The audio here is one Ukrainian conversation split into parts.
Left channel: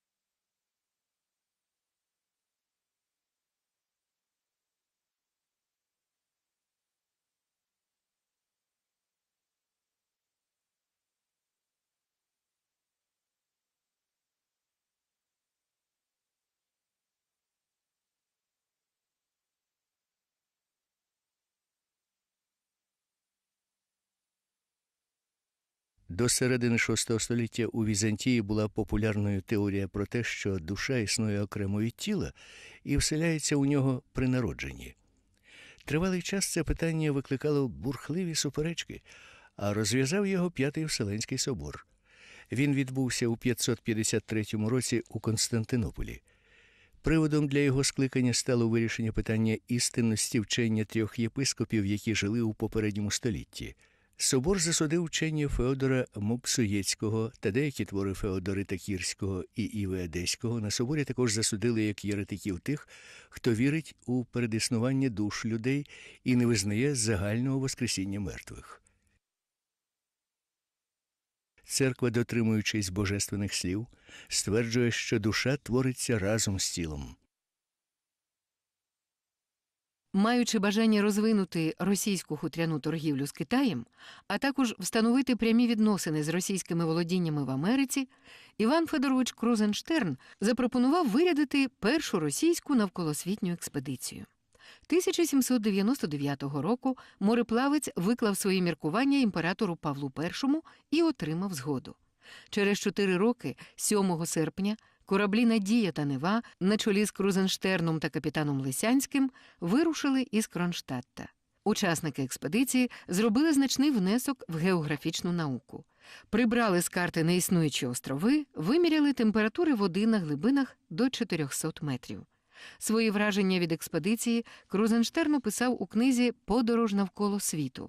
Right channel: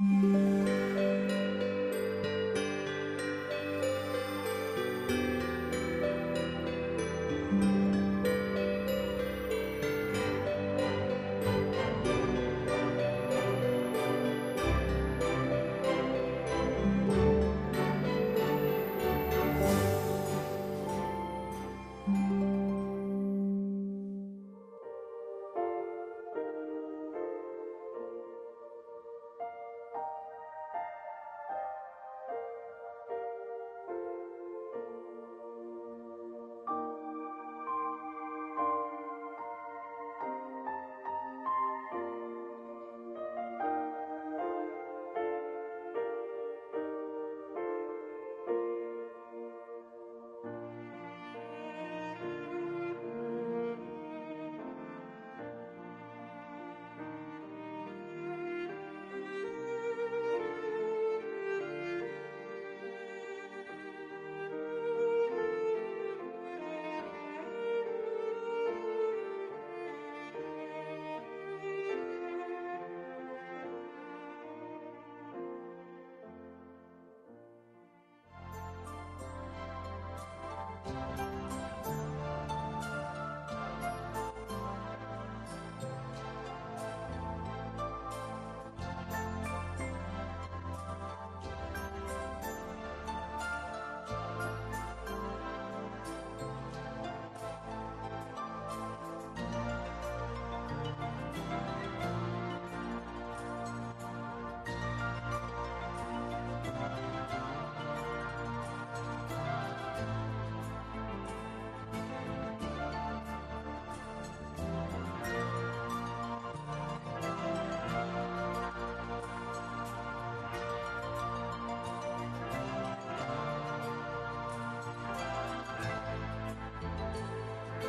Música До середини VI століття у Візантії була популярною теорія про те, що душа існує окремо від тіла і вселяється у нього при народженні. Тривалий час це питання викликало бурхливі суперечки, а розв'язав його П'ятий Вселенський собор. Він відбувся у 553 році у Константинополі. Приводом для його скликання стало вирішення питання істинності вчення трьох єпископів, які жили у попередньому столітті. Собор засудив вчення Феодора Муксуєцького та деякі твори Феодорита Кірського і Іви Одеського. На соборі також засудили як єретиків тих, хто вірить у передіснування душ людей і не визнає загального воскресіння мертвих. Церква, дотримуючись божественних слів, стверджує, що душа твориться разом з тілом. Маючи бажання розвинути російську хутряну торгівлю з Китаєм, а також встановити прямі відносини з російськими володіннями в Америці, Іван Федорович Крузенштерн запропонував вирядити першу російську навколосвітню експедицію. 1799 року мореплавець виклав свої міркування імператору Павлу І і отримав згоду. Через чотири роки, 7 серпня, кораблі Надія та Нева на чолі з Крузенштерном та капітаном Лисянським вирушили із Кронштадта. Учасники експедиції зробили значний внесок в географічну науку. Прибрали з карти неіснуючі острови, виміряли температури води на глибинах до 400 метрів. Свої враження від експедиції Крузенштерн описав у книзі Подорож навколо світу.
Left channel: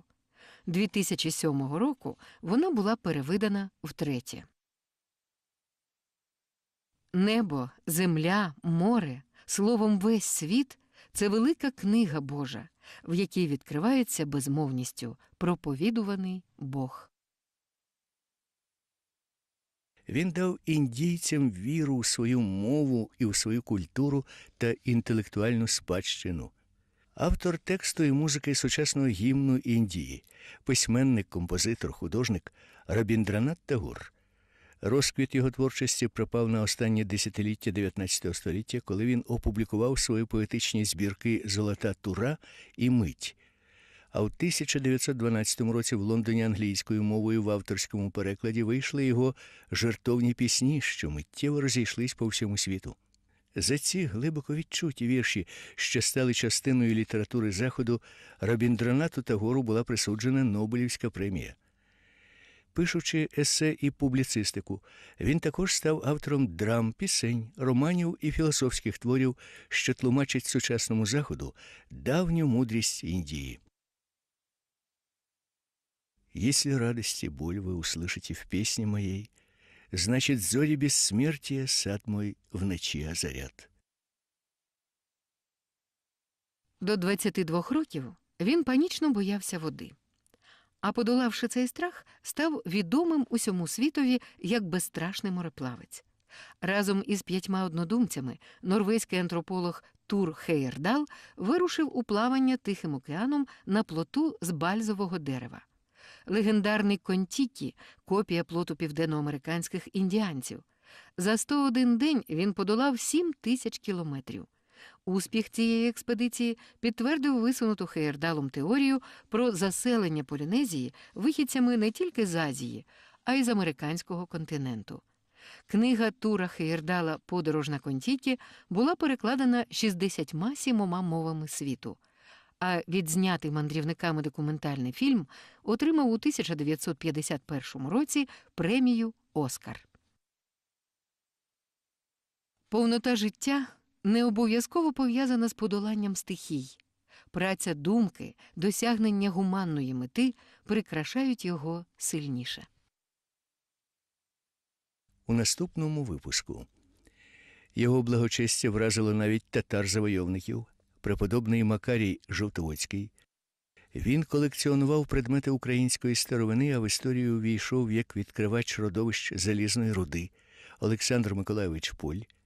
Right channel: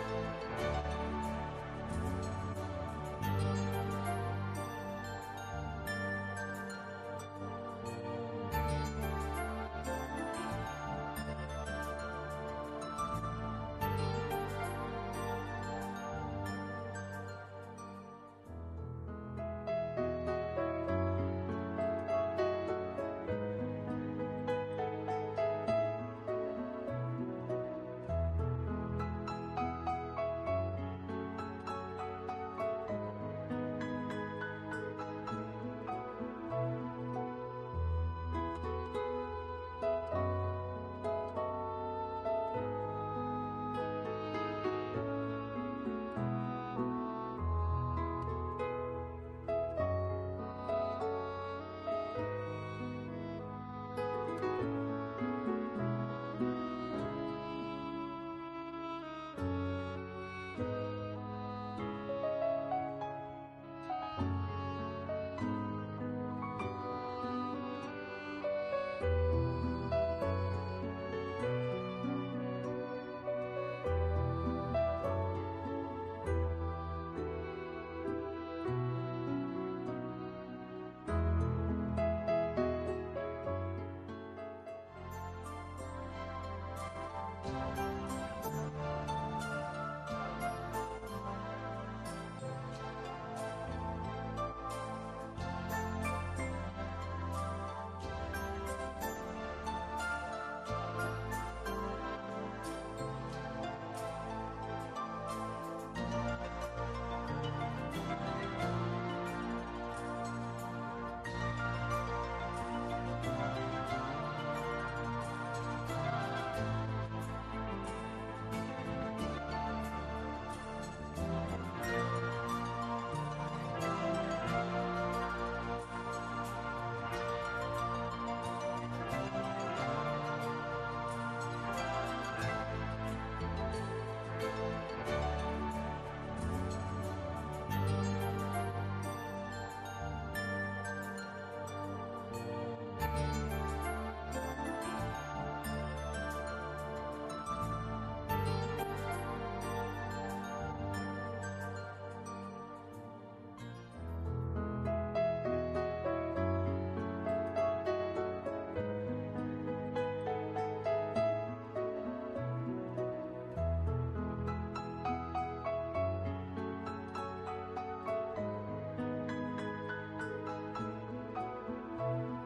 2007 року вона була перевидана втретє. Небо, земля, море, словом, весь світ це велика книга Божа, в якій відкривається безмовністю проповідуваний Бог. Він дав індійцям віру у свою мову і у свою культуру та інтелектуальну спадщину. Автор тексту і музики сучасного гімну Індії, письменник, композитор, художник Рабіндранат Тагур. Розквіт його творчості припав на останнє десятиліття 19 століття, коли він опублікував свої поетичні збірки Золота Тура і Мить. А в 1912 році в Лондоні англійською мовою в авторському перекладі вийшли його жертовні пісні, що миттєво розійшлись по всьому світу. За ці глибоко відчуті вірші, що стали частиною літератури Заходу, Рабіндранату Тагору була присуджена Нобелівська премія. Пишучи есе і публіцистику, він також став автором драм, пісень, романів і філософських творів, що тлумачать сучасному заходу давню мудрість Індії. Если радость и боль вы услышите в песне моей, значит, зори бессмертия сад мой в ночи озарят. До 22 років він панічно боявся води. А подолавши цей страх, став відомим усьому світові як безстрашний мореплавець. Разом із п'ятьма однодумцями норвезький антрополог Тур Хейердал вирушив у плавання Тихим океаном на плоту з бальзового дерева. Легендарний Контікі копія плоту південноамериканських індіанців. За 101 день він подолав 7 тисяч кілометрів. Успіх цієї експедиції підтвердив висунуту Хейердалом теорію про заселення Полінезії вихідцями не тільки з Азії, а й з американського континенту. Книга Тура Хейердала Подорож на Контікі була перекладена 67 мовами світу. А відзнятий мандрівниками документальний фільм отримав у 1951 році премію Оскар. Повнота життя не обов'язково пов'язана з подоланням стихій. Праця думки, досягнення гуманної мети прикрашають його сильніше. У наступному випуску його благочестя вразило навіть татар-завойовників, преподобний Макарій Жовтоводський. Він колекціонував предмети української старовини, а в історію війшов як відкривач родовищ залізної руди, Олександр Миколайович Пуль.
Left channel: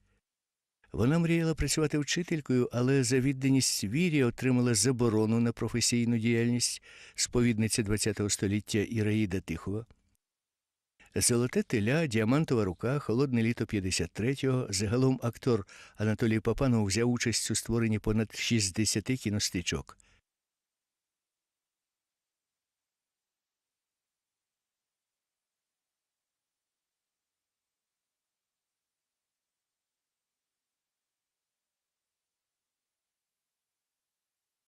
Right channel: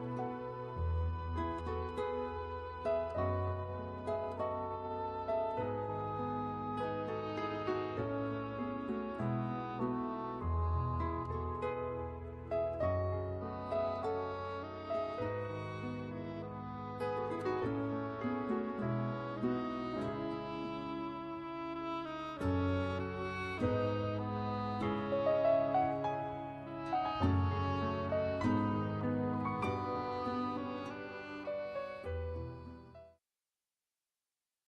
Вона мріяла працювати вчителькою, але за відданість вірі отримала заборону на професійну діяльність сповідниці ХХ століття Іраїда Тихова. Золоте теля, діамантова рука, холодне літо 53-го. Загалом актор Анатолій Папанов взяв участь у створенні понад 60 кіностичок.